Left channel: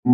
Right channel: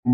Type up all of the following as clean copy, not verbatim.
अब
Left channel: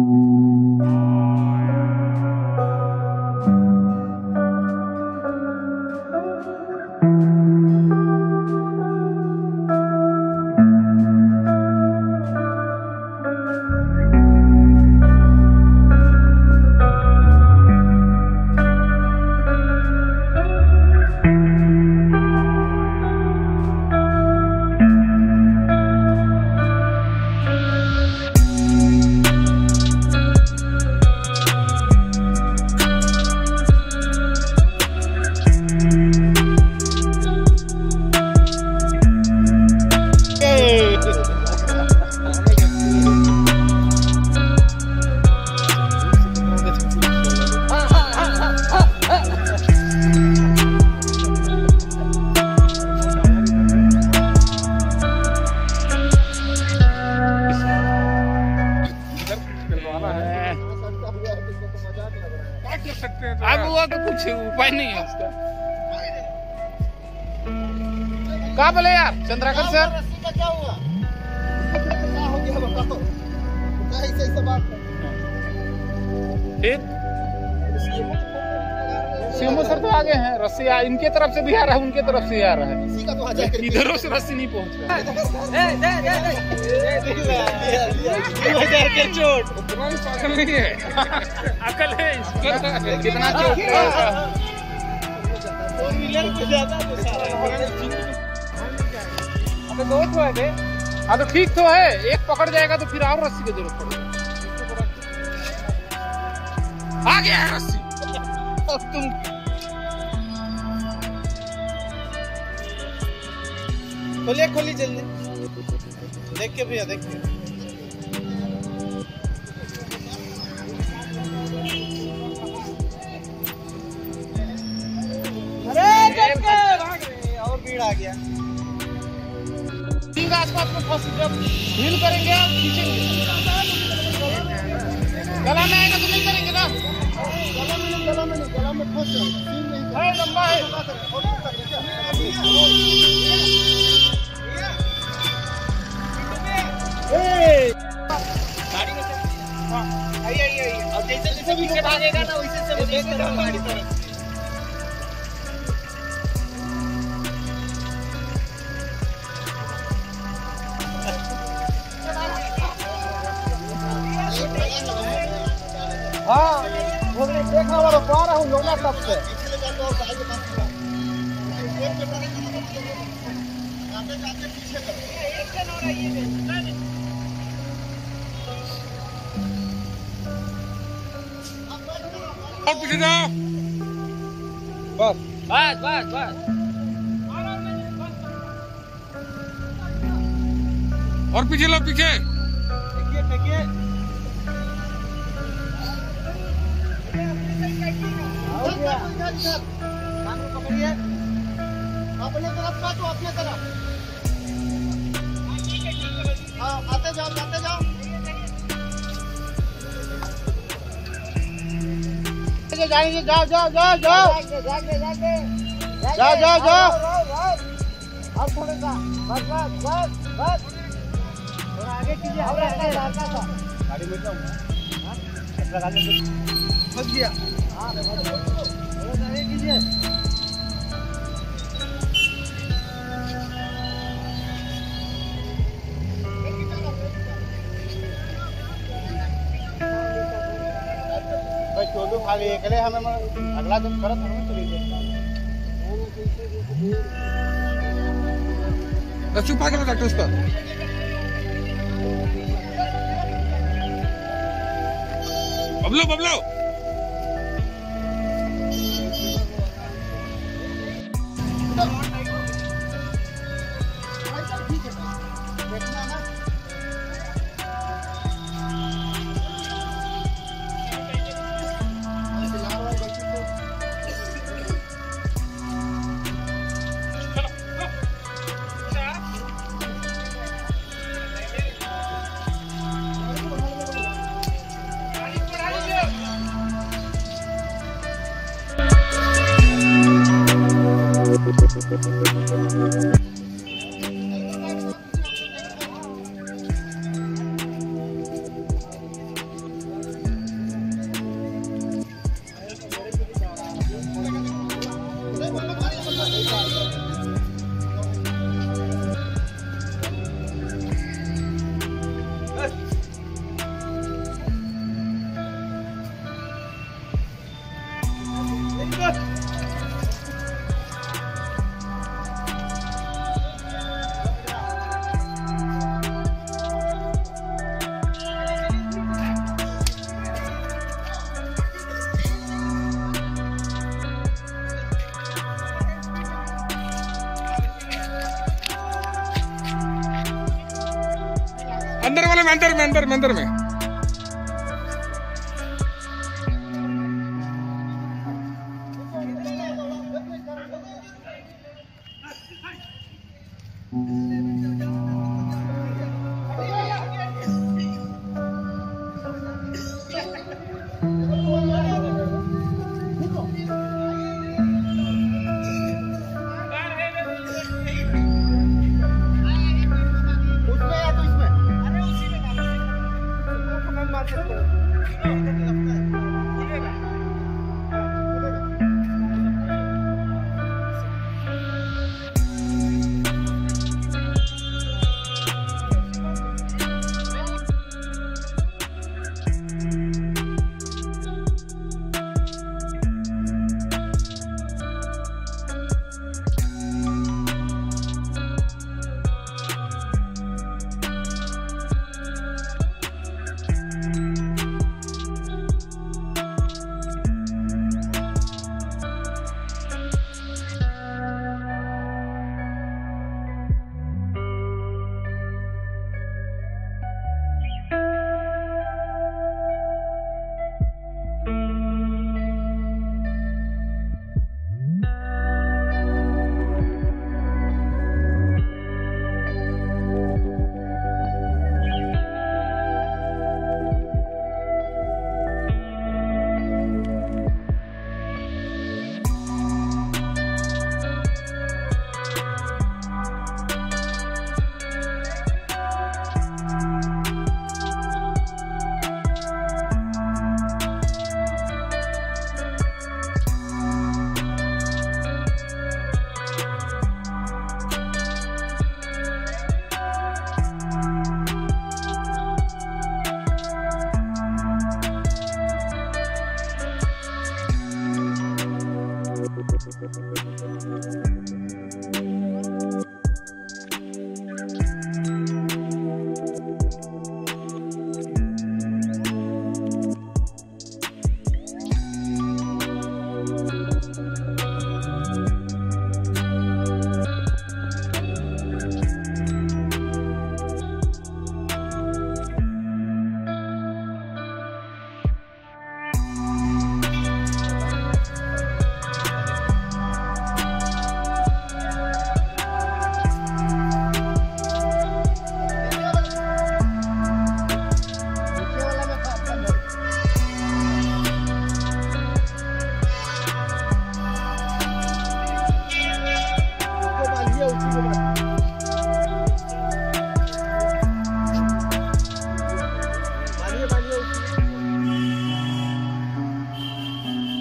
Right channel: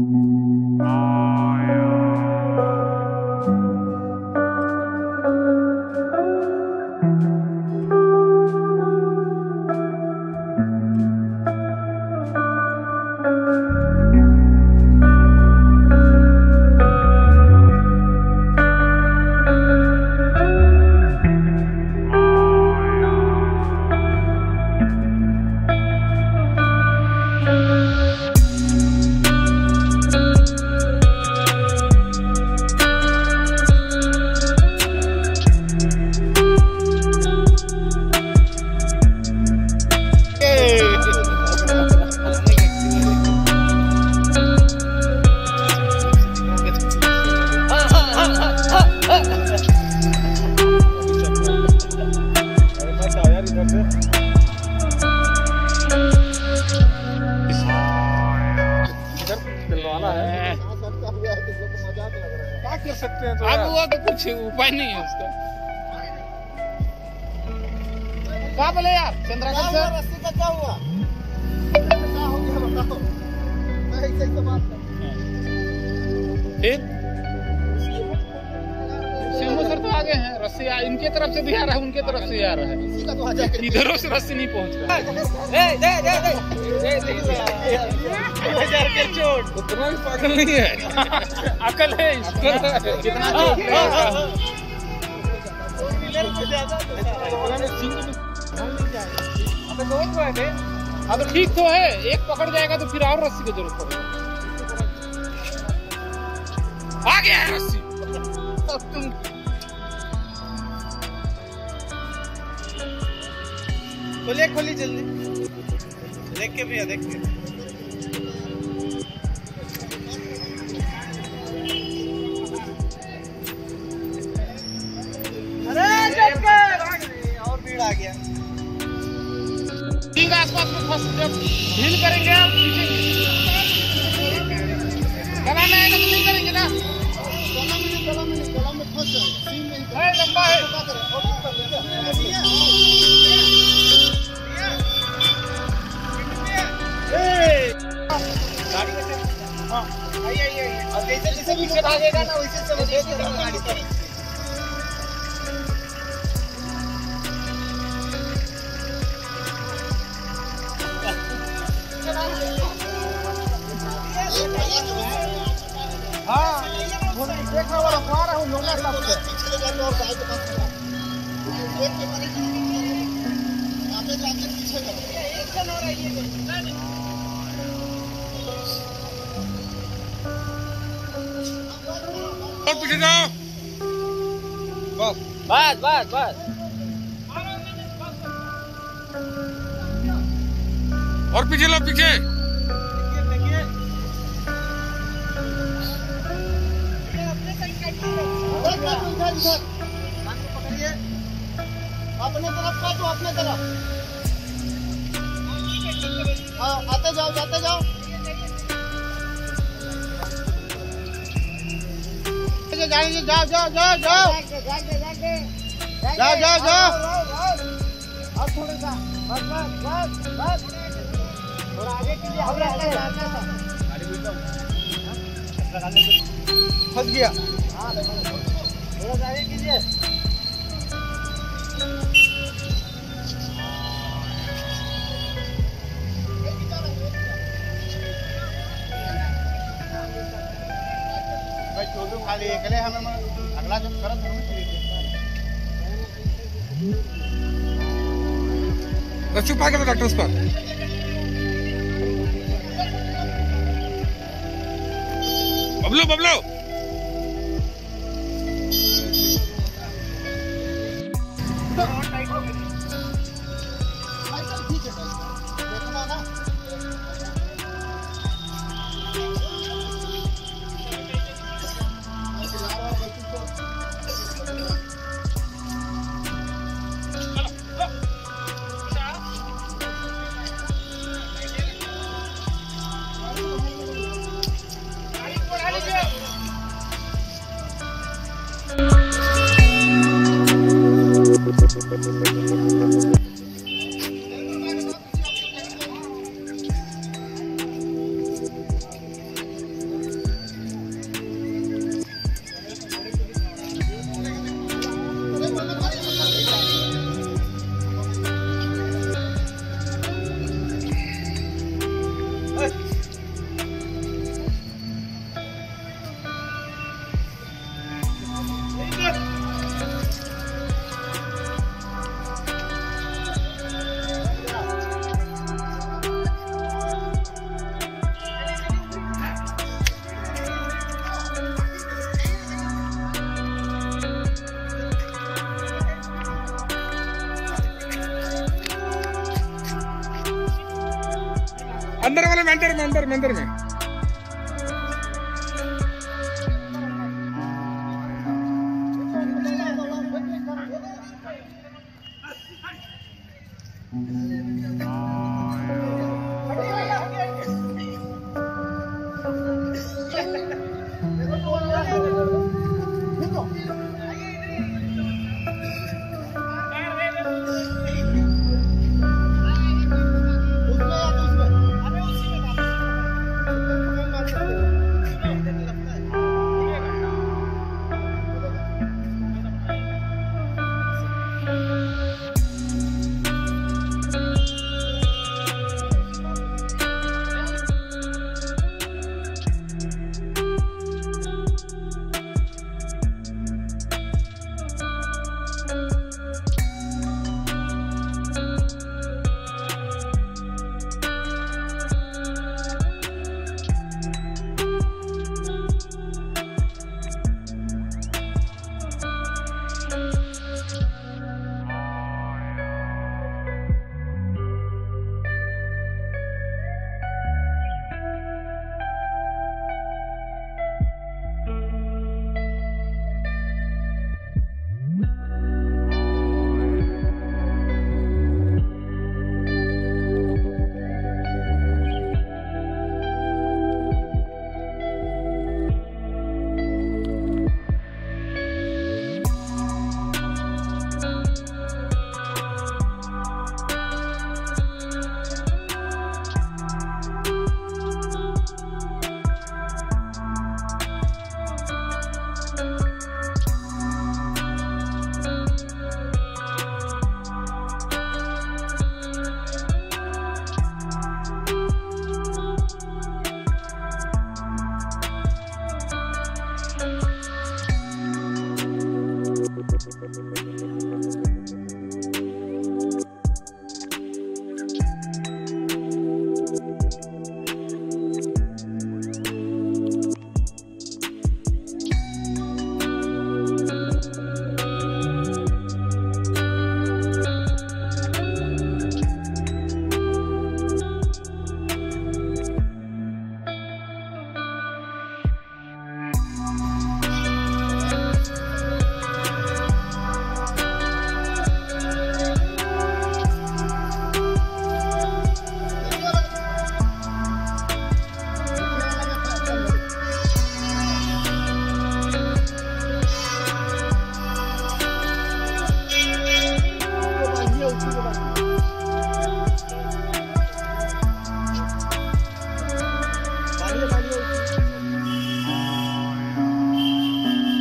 वो तो कुछ उपाय नहीं है उसका। क्या बोले यार चंद्राकर सर? फिर शिवमो सर तो आगे हैं, रस्सी इनके तरफ से भी आ रहा है, उनके तरफ से ही आ रहा है, इधरों से रस्सी नहीं पहुंच रहा है। अकल नहीं है, अकल है कितना चोट लगेगा। हाँ तो ठीक तो है, एक पकड़ जाएगा तो फिर और रस्सी की जरूरत पड़ेगी। आ गया है रस्सी। खोलिए खोलिए जल्दी, देख के भैया देख के। और भीड़ आ गया। ठीक आसपास में फंस, जब ढील करेंगे आप खींचेंगे, गला में आएगा तो नहीं करेंगे ना। गला में फंस जाएगा, लंबा है। आइए और जैसे भी भागेगा ना वैसे सब देख के हमारी तरफ से। हाँ देखना वाला जा रहा हूँ लोला सब से पीछे ले जाने और गाय के पास एक के बारे में आगे जाके पीछे करो। एक जन और आइए और पीछे जाओ। बस बस बस बस और पीछे लो, पीछे देखिए अपने साइड पकड़िए, अपनी तरफ का तो अपने तरफ। हाँ ठीक है आते जाओ आते जाओ। जाएंगे जाओ जाओ जाओ जाओ जाओ जाओ जाओ। और थोड़ा सा बस बस बस थोड़ा आगे कीजिए, आगे आगे गाड़ी में फंस गया। थोड़ा आगे कीजिए। छोटू खाली एकले हमें अगला जो करत हम चली बस चुप आ गया डॉक्टर उस पर। बबलो बबलो अंदर वाले में, अंदर में, अंदर में, अंदर में।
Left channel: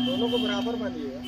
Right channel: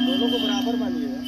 दोनों को बराबर बांधिएगा।